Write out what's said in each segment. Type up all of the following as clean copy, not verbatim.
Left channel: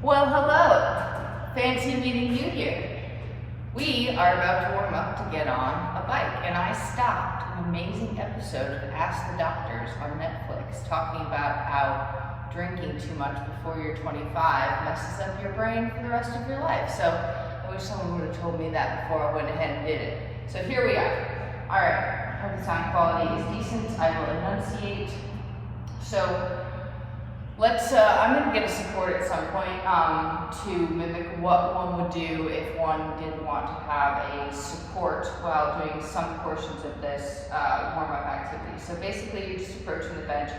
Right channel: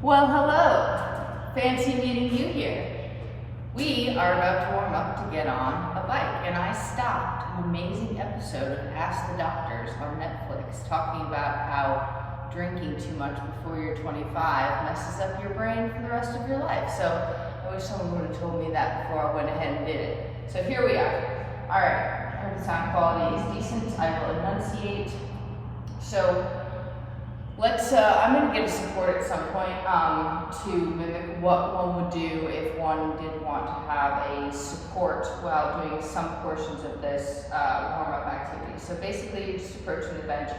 Well, hello. Fancy meeting you here. We are about to warm up to get on a bike, and I stopped an amazing episode of Ask the Doctors on Netflix talking about how drinking too much before you're 25 messes up your brain for the rest of your life. So I wish someone would have told me that before I went ahead and did it. So here we are. All right, I hope the sound quality is decent. I will enunciate. So I'm going to get a support at some point to mimic what one would do if one did want to have a support while doing some portions of this warm-up activity. So basically you're just approaching the bench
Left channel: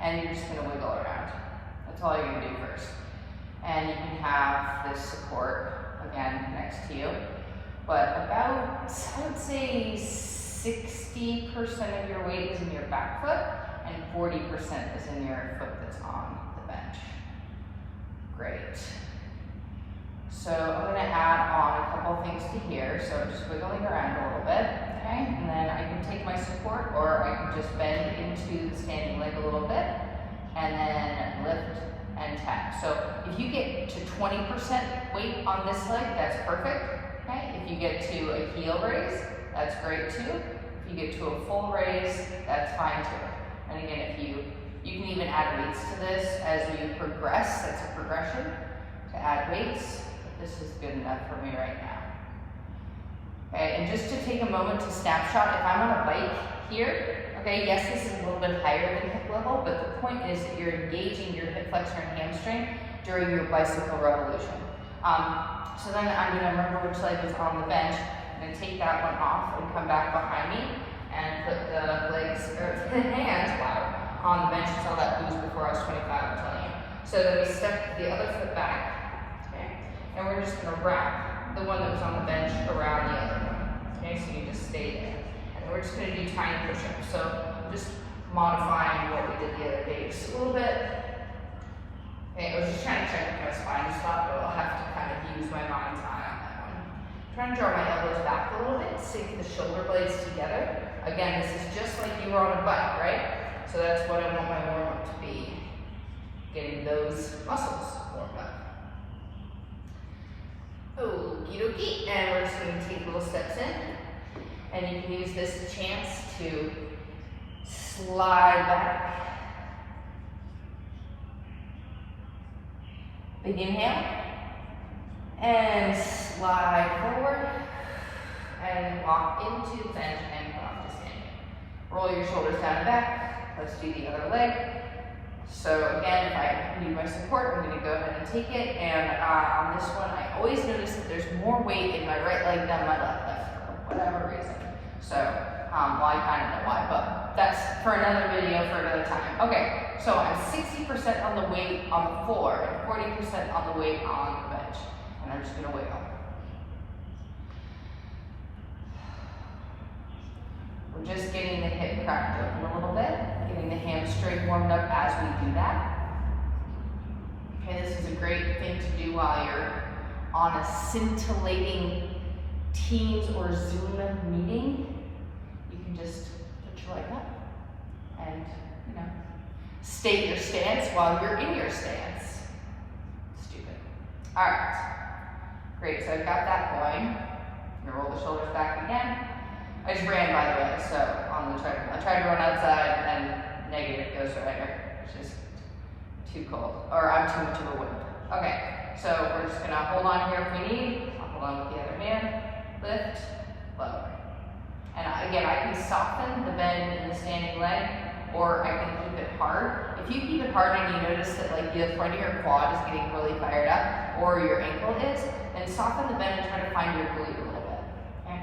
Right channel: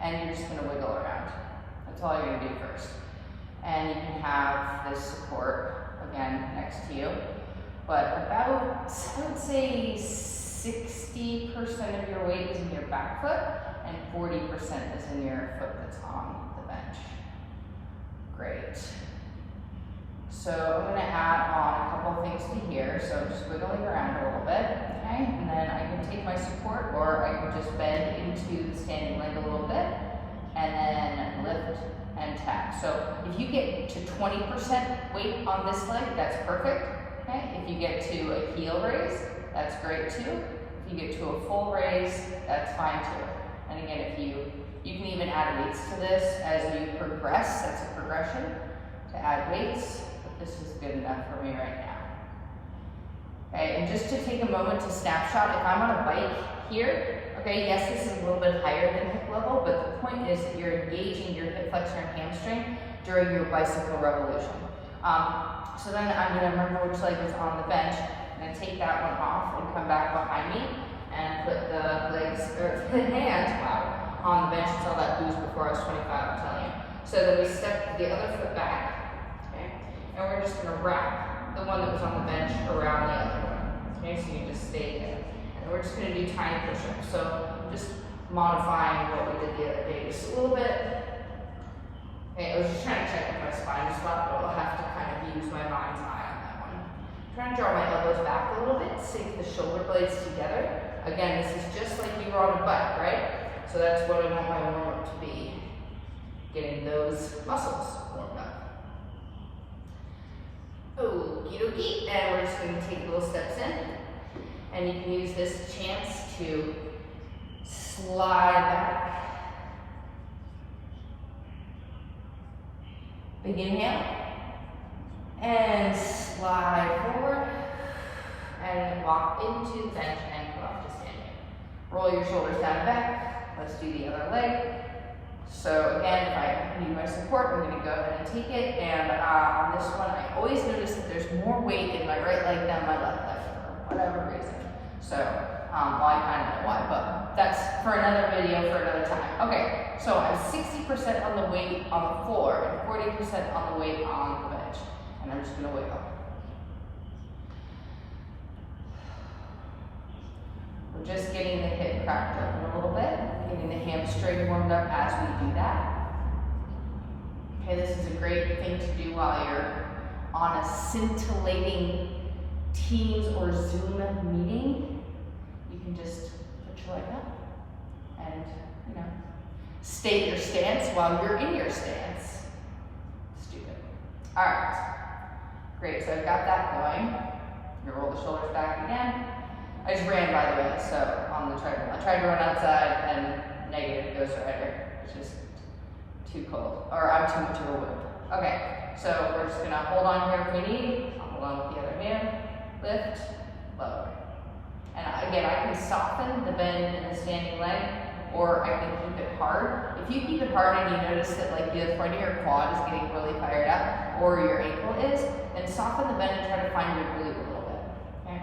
and you're just going to wiggle around. That's all you're going to do first. And you can have this support, again, next to you. But about, I would say 60% of your weight is in your back foot and 40% is in your foot that's on the bench. Great. So I'm going to add on a couple things to here. So I'm just wiggling around a little bit, okay? And then I can take my support, or I can just bend into the standing leg a little bit and then lift and tap. So if you get to 20% weight on this leg, that's perfect, okay? If you get to a heel raise, that's great too. If you get to a full raise, that's fine too. And again, if you can even add weights to this as you progress. That's a progression to add weights, but this is good enough for me right now. Okay, and just to take a moment to snapshot, if I'm on a bike here, okay, yes, this is a little bit higher than hip level, but the point is that you're engaging your hip flexor and hamstring during your bicycle revolution. So then I'm going to remember which leg was on the bench, and then take that one off and come back behind me and put the legs, or hands, wow, on the bench until that boost before I was 25, I'm telling you. So then we step the other foot back, okay? And we're just gonna wrap the one that was on the bench around the other one, okay? So you just stay there. And then we're just gonna do tiny push-ups. So I'm just modifying what we did the other day just a little bit. Okay, I was just trying to check if my spine is flat, but I'll have to kind of use my mind's eye on that one. Trying to draw my elbows back a little bit, sink the shoulder blades together. Again, this is just like you were on a bike, right? So that's what I want my warm-up to be, getting those muscles warmed up. Okie dokie, and we're just going to take little steps in, and you can use this chance to slide back. Big inhale, and slide forward, and walk into the bench and come up to standing. Roll your shoulders down and back. Let's do the other leg. So again, if I need my support, I'm going to go ahead and take it. And on this one, I always notice that there's more weight in my right leg than my left leg for whatever reason. So, well, I kind of know why, but that's for another video for another time. Okay, so I'm 60% on the weight on the floor and 40% on the weight on the bench. And I'm just going to wiggle. We're just getting the hip cracked open a little bit, getting the hamstring warmed up as we do that. Okay, this is a great thing to do while you're on a scintillating Teams or Zoom meeting. You can just put your leg up and, state your stance while you're in your stance. Stupid. All right, great, so I've got that going. I'm gonna roll the shoulders back again. I just ran, by the way, so on the treadmill. I tried to run outside and negative Ghost Rider. It's just too cold, or I'm too much of a whip. Okay, so we're just gonna hold on here if we need. I'll hold on with the other hand, lift, lower. And again, I can soften the bend in the standing leg, or I can keep it hard. If you keep it hard and you notice that like the front of your quad is getting really fired up, or your ankle is, then soften the bend and try to find your glute a little bit, okay?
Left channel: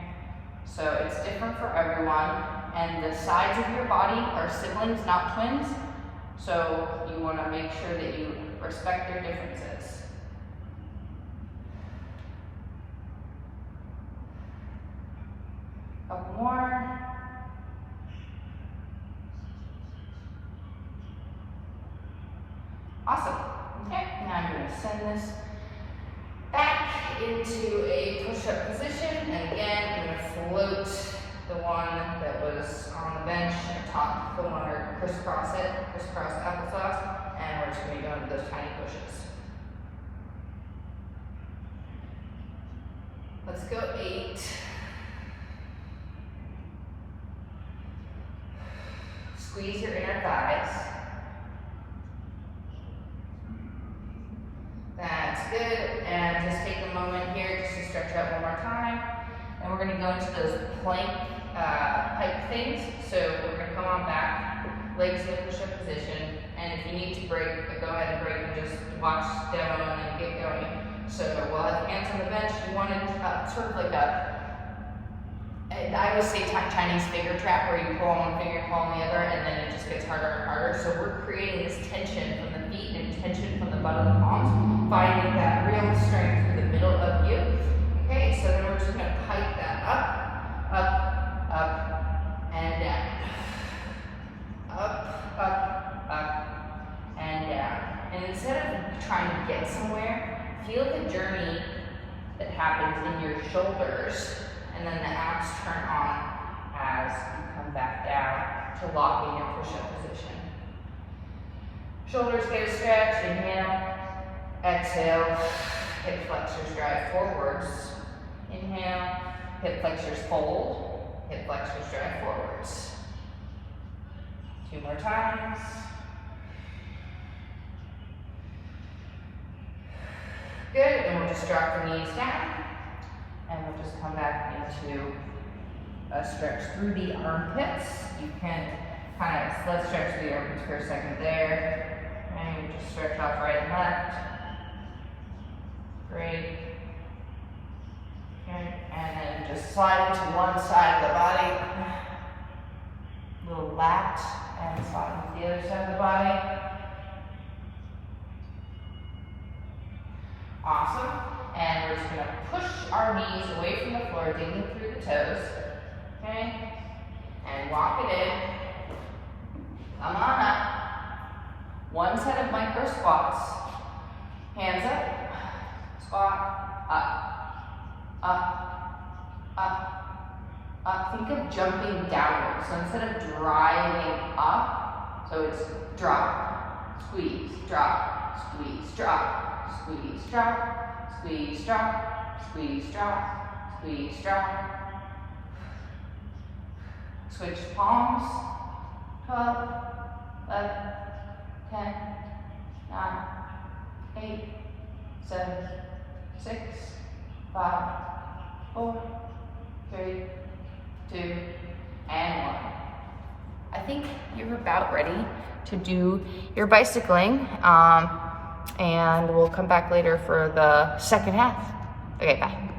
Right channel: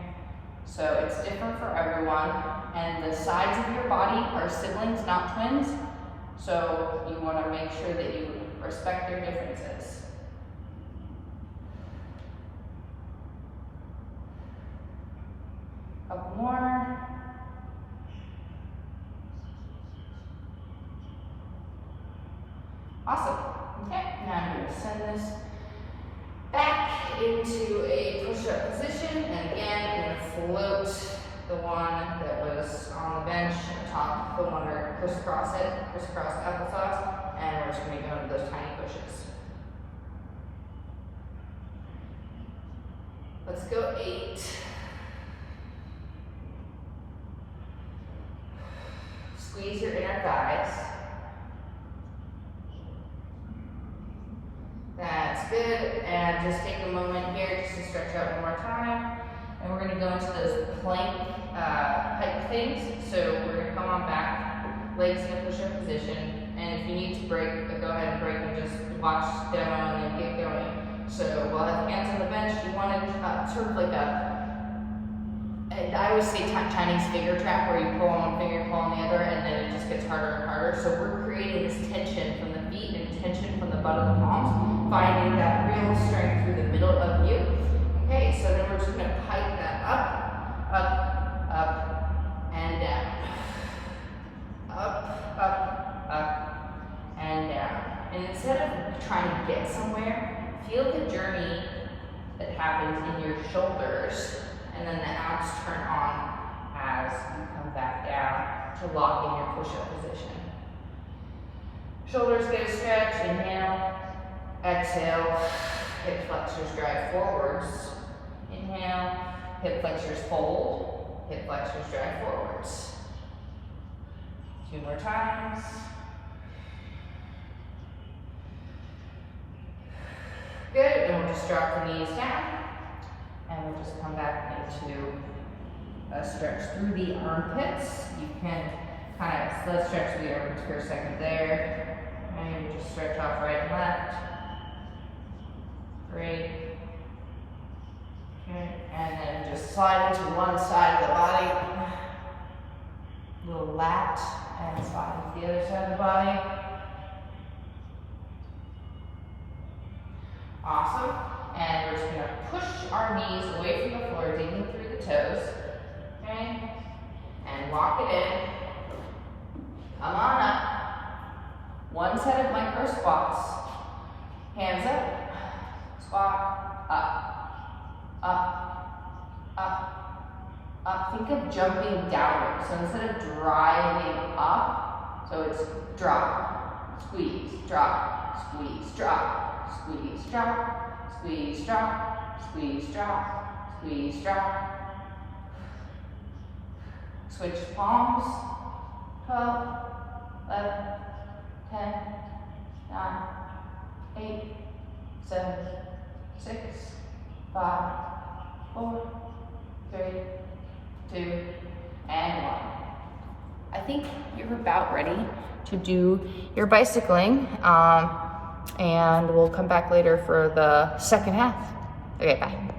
So it's different for everyone, and the sides of your body are siblings, not twins. So you want to make sure that you respect their differences. Couple more. Awesome. Okay, now I'm going to send this back into a push-up position, and again, I'm going to float the one that was on the bench atop the one, or crisscross applesauce, and we're just going to go into those tiny pushes. Let's go 8. Squeeze your inner thighs. That's good. And just take a moment here just to stretch out one more time. And we're gonna go into those plank pike things. So we're gonna come on back, legs in a push-up position. And if you need to break, go ahead and break and just watch demo and then get going. So we'll have hands on the bench. You want it sort of like I always say Chinese finger trap, where you pull on one finger, pull on the other, and then it just gets harder and harder. So we're creating this tension from the feet and tension from the butt of the palms, finding that real strength through the middle of you. Okay, so then we're just gonna pike that up, and down. Up, and down. And instead of trying to get somewhere, feel the journey that happens in your shoulders, and then the abs turn on as you come back down to lock in your push-up position. Shoulders get a stretch, inhale, exhale, hip flexors drive forwards, inhale, hip flexors fold, hip flexors drive forwards. 2 more times. Good, and we'll just drop the knees down. And we'll just come back into a stretch through the armpits. You can kind of, let's stretch through the armpits for a second there. And we just stretch off right and left. Great. Okay, and then just slide into one side of the body. Little lat, and slide into the other side of the body. Awesome. And we're just going to push our knees away from the floor, digging through the toes. Okay? And walk it in. Come on up. One set of micro squats. Hands up. Squat. Up. Up. Think of jumping downward. So instead of driving up, so it's drop, squeeze, drop, squeeze, drop, squeeze, drop. Squeeze, drop, squeeze, drop, squeeze, drop. Switch palms. 12, 11, 10, 9, 8, 7, 6, 5, 4, 3, 2, and 1. I think you're about ready to do your bicycling. And we'll come back later for the second half. Okay, bye.